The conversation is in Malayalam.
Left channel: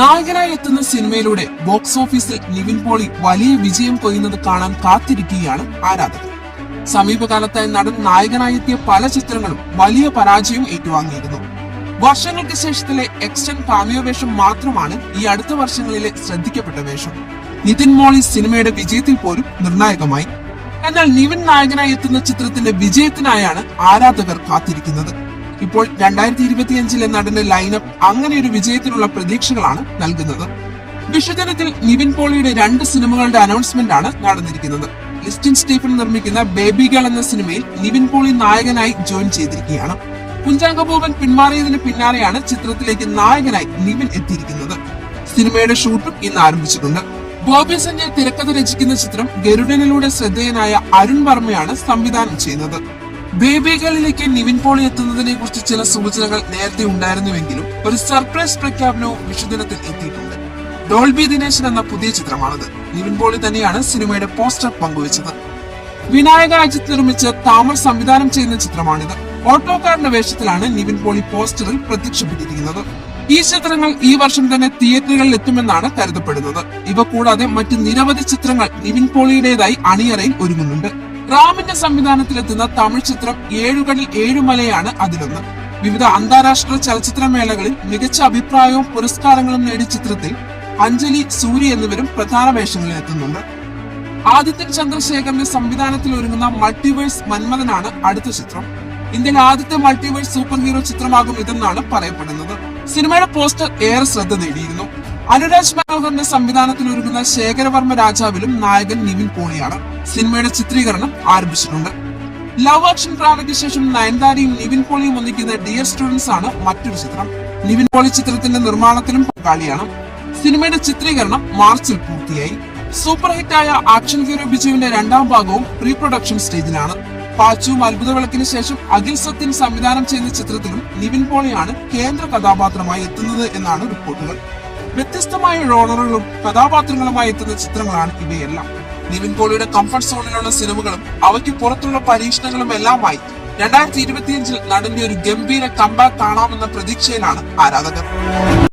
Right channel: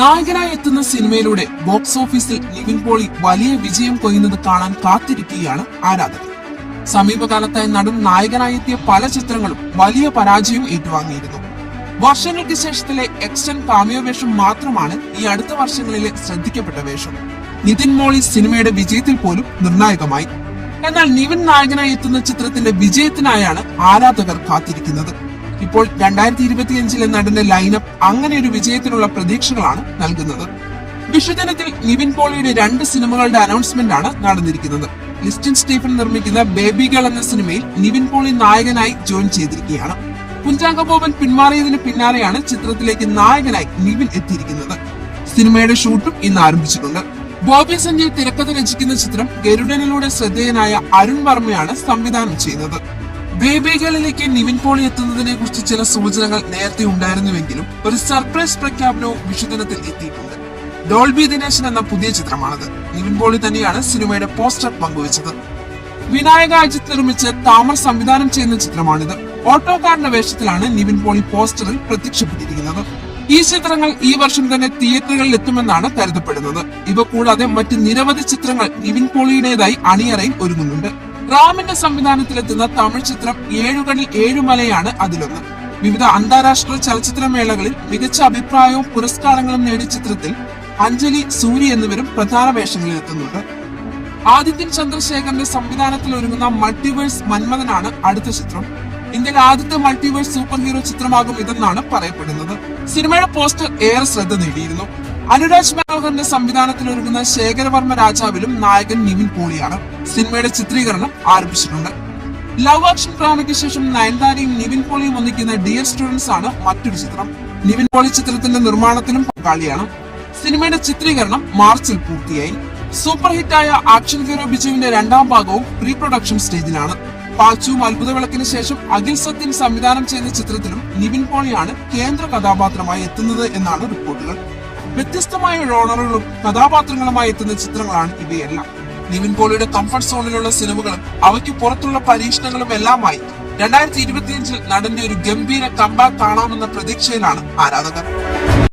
നായകനായി എത്തുന്ന സിനിമയിലൂടെ ബോക്സ് ഓഫീസിൽ നിവിൻ പോളി വലിയ വിജയം കൊയ്യുന്നത് കാണാൻ കാത്തിരിക്കുകയാണ് ആരാധകർ. സമീപകാലത്തായി നടൻ നായകനായി എത്തിയ പല ചിത്രങ്ങളും വലിയ പരാജയം ഏറ്റുവാങ്ങിയിരുന്നു. വർഷങ്ങൾക്ക് ശേഷത്തിലെ എക്സ്റ്റന്റ് കാമിയോ വേഷം മാത്രമാണ് ഈ അടുത്ത വർഷങ്ങളിലെ ശ്രദ്ധിക്കപ്പെട്ട വേഷം. നിതിൻ മോളി സിനിമയുടെ വിജയത്തിൽ പോലും നിർണായകമായി. എന്നാൽ നിവിൻ നായകനായി എത്തുന്ന ചിത്രത്തിന്റെ വിജയത്തിനായാണ് ആരാധകർ കാത്തിരിക്കുന്നത്. ഇപ്പോൾ 2025 നടന്റെ ലൈനപ്പ് അങ്ങനെ ഒരു വിജയത്തിനുള്ള പ്രതീക്ഷകളാണ് നൽകുന്നത്. വിഷുദിനത്തിൽ നിവിൻ പോളിയുടെ 2 സിനിമകളുടെ അനൗൺസ്മെന്റ് ആണ് നടന്നിരിക്കുന്നത്. ലിസ്റ്റിൻ സ്റ്റീഫൻ നിർമ്മിക്കുന്ന ബേബി ഗേൾ എന്ന സിനിമയിൽ നിവിൻ പോളി നായകനായി ജോയിൻ ചെയ്തിരിക്കുകയാണ്. കുഞ്ചാക്കോ ബോബൻ പിന്മാറിയതിന് പിന്നാലെയാണ് ചിത്രത്തിലേക്ക് നായകനായി നിവിൻ എത്തിയിരിക്കുന്നത്. സിനിമയുടെ ഷൂട്ടും ഇന്ന് ആരംഭിച്ചിട്ടുണ്ട്. ബോബി സഞ്ജയ് തിരക്കഥ രചിക്കുന്ന ചിത്രം ഗരുഡനിലൂടെ ശ്രദ്ധേയനായ അരുൺ വർമ്മയാണ് സംവിധാനം ചെയ്യുന്നത്. ബേബി ഗേളിലേക്ക് നിവിൻ പോളി എത്തുന്നതിനെ കുറിച്ച് ചില സൂചനകൾ നേരത്തെ ഉണ്ടായിരുന്നുവെങ്കിലും ഒരു സർപ്രൈസ് പ്രഖ്യാപനവും വിഷുദിനത്തിൽ എത്തിയിട്ടുണ്ട്. ഡോൾബി ദിനേശൻ എന്ന പുതിയ ചിത്രമാണത്. നിവിൻ പോളി തന്നെയാണ് സിനിമയുടെ പോസ്റ്റർ പങ്കുവച്ചത്. വിനായക അജിത് നിർമ്മിച്ച് താമർ സംവിധാനം ചെയ്യുന്ന ചിത്രമാണിത്. ഓട്ടോക്കാരന്റെ വേഷത്തിലാണ് നിവിൻ പോളി പോസ്റ്ററിൽ പ്രത്യക്ഷപ്പെട്ടിരിക്കുന്നത്. ഈ ചിത്രങ്ങൾ ഈ വർഷം തന്നെ തിയേറ്ററുകളിൽ എത്തുമെന്നാണ് കരുതപ്പെടുന്നത്. ഇവ കൂടാതെ മറ്റ് നിരവധി ചിത്രങ്ങൾ നിവിൻ പോളിയുടേതായി അണിയറയിൽ ഒരുങ്ങുന്നുണ്ട്. റാമിന്റെ സംവിധാനത്തിലെത്തുന്ന തമിഴ് ചിത്രം 7 കടൽ 7 മലയാണ് അതിലൊന്ന്. വിവിധ അന്താരാഷ്ട്ര ചലച്ചിത്രമേളകളിൽ മികച്ച അഭിപ്രായവും പുരസ്കാരങ്ങളും നേടിയ ചിത്രത്തിൽ അഞ്ജലി, സൂരി എന്നിവരും പ്രധാന വേഷങ്ങളിൽ എത്തുന്നുണ്ട്. ആദിത്യൻ ചന്ദ്രശേഖരന്റെ സംവിധാനത്തിൽ ഒരുങ്ങുന്ന മൾട്ടിവേഴ്സ് മന്മഥനാണ് അടുത്ത ചിത്രം. ഇന്ത്യയിലെ ആദ്യത്തെ മൾട്ടിവേഴ്സ് സൂപ്പർ ഹീറോ ചിത്രമാകും ഇതെന്നാണ് പറയപ്പെടുന്നത്. സിനിമയുടെ പോസ്റ്റർ ഏറെ ശ്രദ്ധ നേടിയിരുന്നു. അനുരാജ് മനോഹറിന്റെ സംവിധാനത്തിൽ ഒരുങ്ങുന്ന ശേഖരവർമ്മ രാജാവിലും നായകൻ നിവിൻ പോളിയാണ്. സിനിമയുടെ ചിത്രീകരണം ആരംഭിച്ചിട്ടുണ്ട്. ലവ് ആക്ഷൻ ഡ്രാമയ്ക്ക് ശേഷം നയൻതാരയും നിവിൻ പോളിയും ഒന്നിക്കുന്ന ഡിയർ സ്റ്റുഡൻസ് ആണ് മറ്റൊരു ചിത്രം. നിവിൻ പോളി ചിത്രത്തിന്റെ നിർമ്മാണത്തിലും പങ്കാളിയാണ്. സിനിമയുടെ ചിത്രീകരണം മാർച്ചിൽ പൂർത്തിയായി. സൂപ്പർ ഹിറ്റായ ആക്ഷൻ ഹീറോ ബിജുവിന്റെ 2ാം ഭാഗവും പ്രീ പ്രൊഡക്ഷൻ സ്റ്റേജിലാണ്. പാച്ചുവും അത്ഭുത വിളക്കിന് ശേഷം അഖിൽ സത്യൻ സംവിധാനം ചെയ്യുന്ന ചിത്രത്തിലും നിവിൻ പോളിയാണ് കേന്ദ്ര കഥാപാത്രമായി എത്തുന്നത് എന്നാണ് റിപ്പോർട്ടുകൾ. വ്യത്യസ്തമായ റോളറുകളും കഥാപാത്രങ്ങളുമായി എത്തുന്ന ചിത്രങ്ങളാണ് ഇവയെല്ലാം. നിവിൻ പോളിയുടെ കംഫർട്ട് സോണിലുള്ള സിനിമകളും അവയ്ക്ക് പുറത്തുള്ള പരീക്ഷണങ്ങളും എല്ലാമായി 2025 നടന്റെ ഒരു ഗംഭീര കംബാക്ക് കാണാമെന്ന പ്രതീക്ഷയിലാണ് ആരാധകർ.